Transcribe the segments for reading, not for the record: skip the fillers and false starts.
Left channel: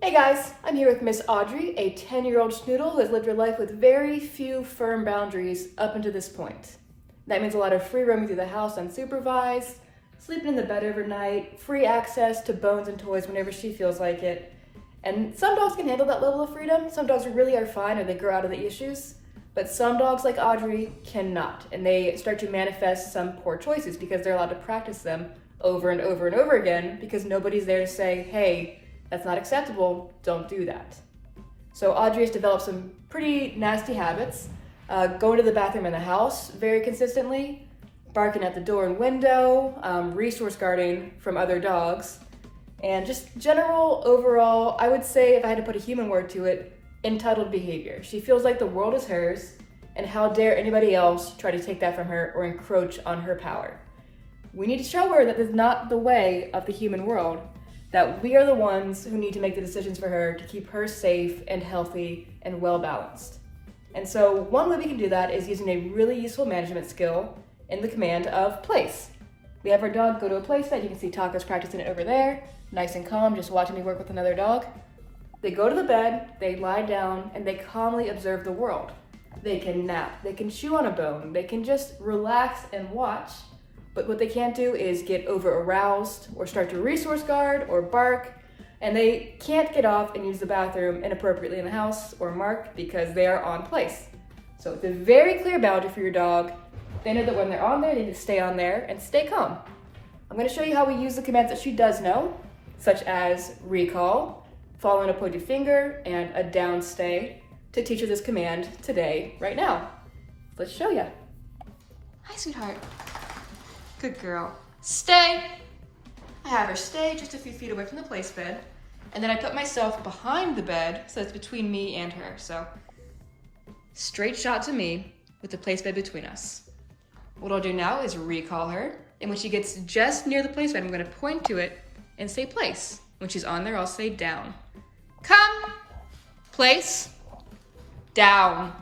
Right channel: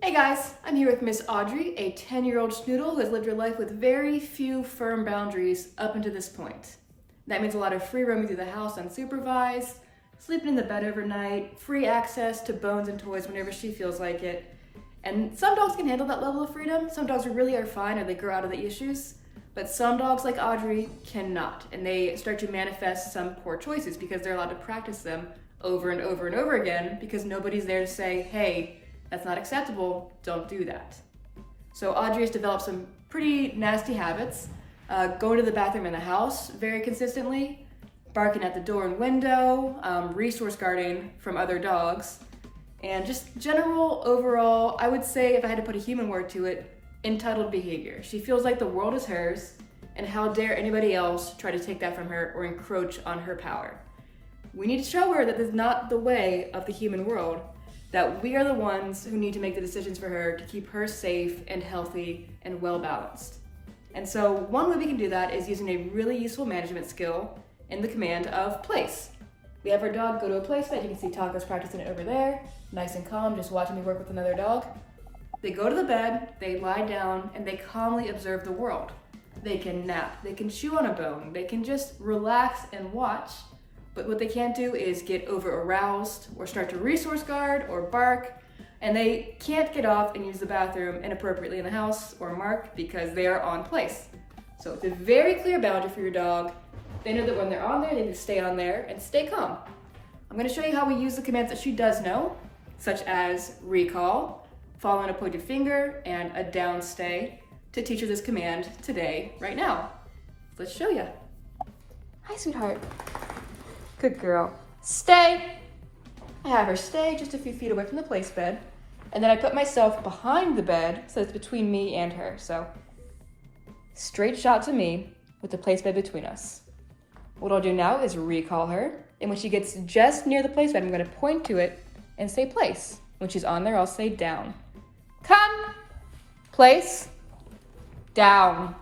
Hey guys, I'm here with Miss Audrey, a 10-year-old Schnoodle who has lived her life with very few firm boundaries up until this point. That means a lot of free roaming through the house unsupervised, sleeping in the bed overnight, free access to bones and toys whenever she feels like it. And some dogs can handle that level of freedom. Some dogs really are fine or they grow out of the issues. But some dogs like Audrey cannot, and they start to manifest some poor choices because they're allowed to practice them over and over and over again because nobody's there to say, hey, that's not acceptable, don't do that. So Audrey has developed some pretty nasty habits, going to the bathroom in the house very consistently, barking at the door and window, resource guarding from other dogs, and just general overall, I would say if I had to put a human word to it, entitled behavior. She feels like the world is hers, and how dare anybody else try to take that from her or encroach on her power. We need to show her that this is not the way of the human world, that we are the ones who need to make the decisions for her to keep her safe and healthy and well-balanced. And so one way we can do that is using a really useful management skill in the command of place. We have our dog go to a place that you can see Taco's practicing it over there, nice and calm, just watching me work with another dog. They go to the bed, they lie down, and they calmly observe the world. They can nap, they can chew on a bone, they can just relax and watch. But what they can't do is get over aroused or start to resource guard or bark, and they can't get off and use the bathroom inappropriately in the house or mark because they are on place. So it's a very clear boundary for your dog. They know that when they're on there, they need to stay on there and stay calm. I'm going to show you how we use the commands that she does know, such as recall, following a pointed finger, and a down stay to teach her this command today, right now. Let's show you. Hi, sweetheart. Good girl. Stay. I have her stay just a few feet away from the place bed. And then I put myself behind the bed so it's between me and her. So straight shot to me with the place bed between us. What I'll do now is recall her. And when she gets just near the place bed, I'm going to point to it and say place. When she's on there, I'll say down. Come. Place. Down.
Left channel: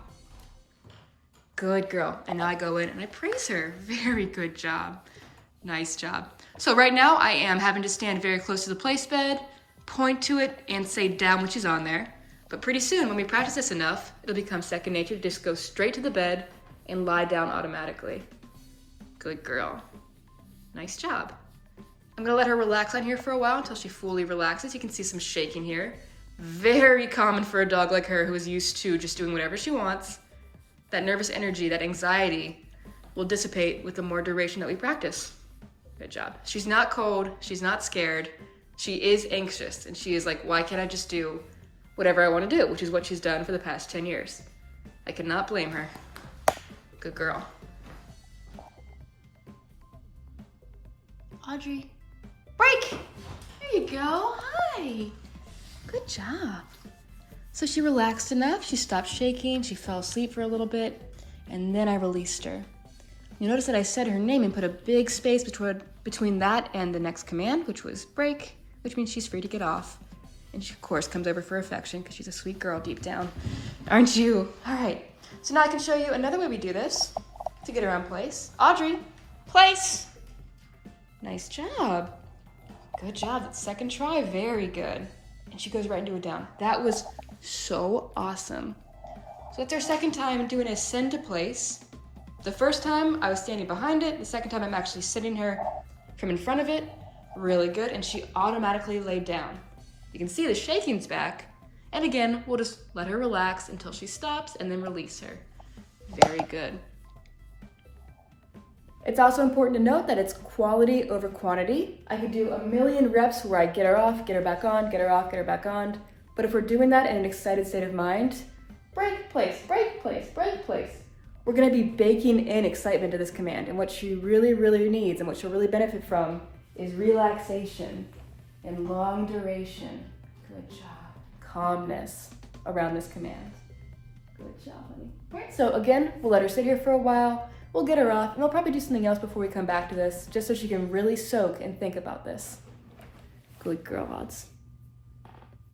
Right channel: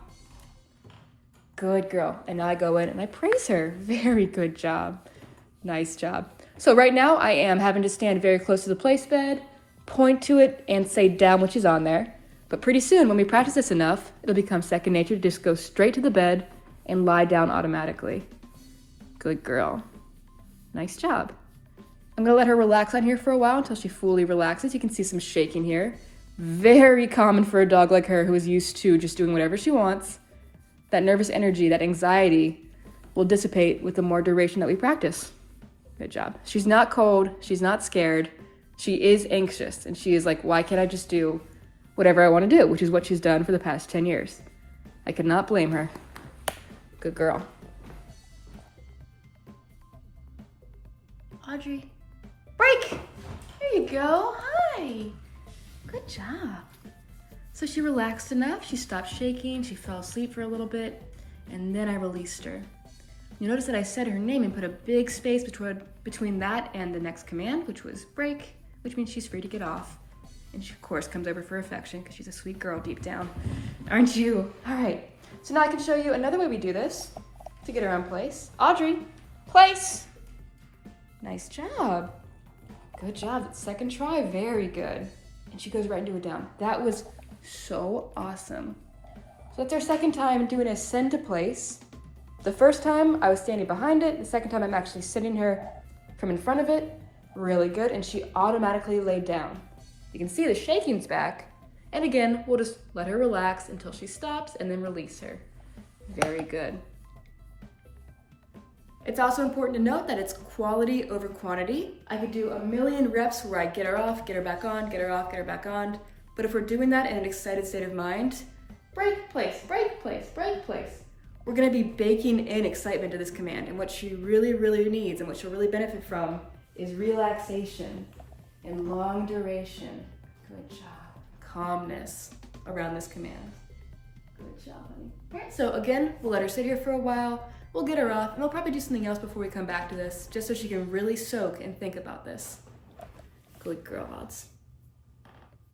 Good girl. And now I go in and I praise her. Very good job. Nice job. So right now I am having to stand very close to the place bed, point to it, and say down when she's on there. But pretty soon, when we practice this enough, it'll become second nature to just go straight to the bed and lie down automatically. Good girl. Nice job. I'm gonna let her relax on here for a while until she fully relaxes. You can see some shaking here. Very common for a dog like her who is used to just doing whatever she wants. That nervous energy, that anxiety will dissipate with the more duration that we practice. Good job. She's not cold, she's not scared, she is anxious, and she is like, why can't I just do whatever I want to do, which is what she's done for the past 10 years. I cannot blame her. Good girl. Audrey, break! There you go, hi! Good job. So she relaxed enough, she stopped shaking, she fell asleep for a little bit, and then I released her. You notice that I said her name and put a big space between that and the next command, which was break, which means she's free to get off. And she, of course, comes over for affection because she's a sweet girl deep down. Aren't you? All right, so now I can show you another way we do this to get her on place. Audrey, place. Nice job. Good job, that second try, very good. And she goes right into a down. That was so awesome. So that's our second time doing a send to place. The first time I was standing behind it. The second time I'm actually sending her from in front of it. Really good. And she automatically laid down. You can see the shaking's back. And again, we'll just let her relax until she stops and then release her. Very good. It's also important to note that it's quality over quantity. I could do a million reps where I get her off, get her back on, get her off, get her back on. But if we're doing that in an excited state of mind, break, place, break, place, break, place. We're gonna be baking in excitement to this command, and what she really, really needs and what she'll really benefit from is relaxation and long duration. Good job. Calmness around this command. Good job, honey. All right, so again, we'll let her sit here for a while, we'll get her off, and we'll probably do something else before we come back to this, just so she can really soak and think about this. Good girl, Odds.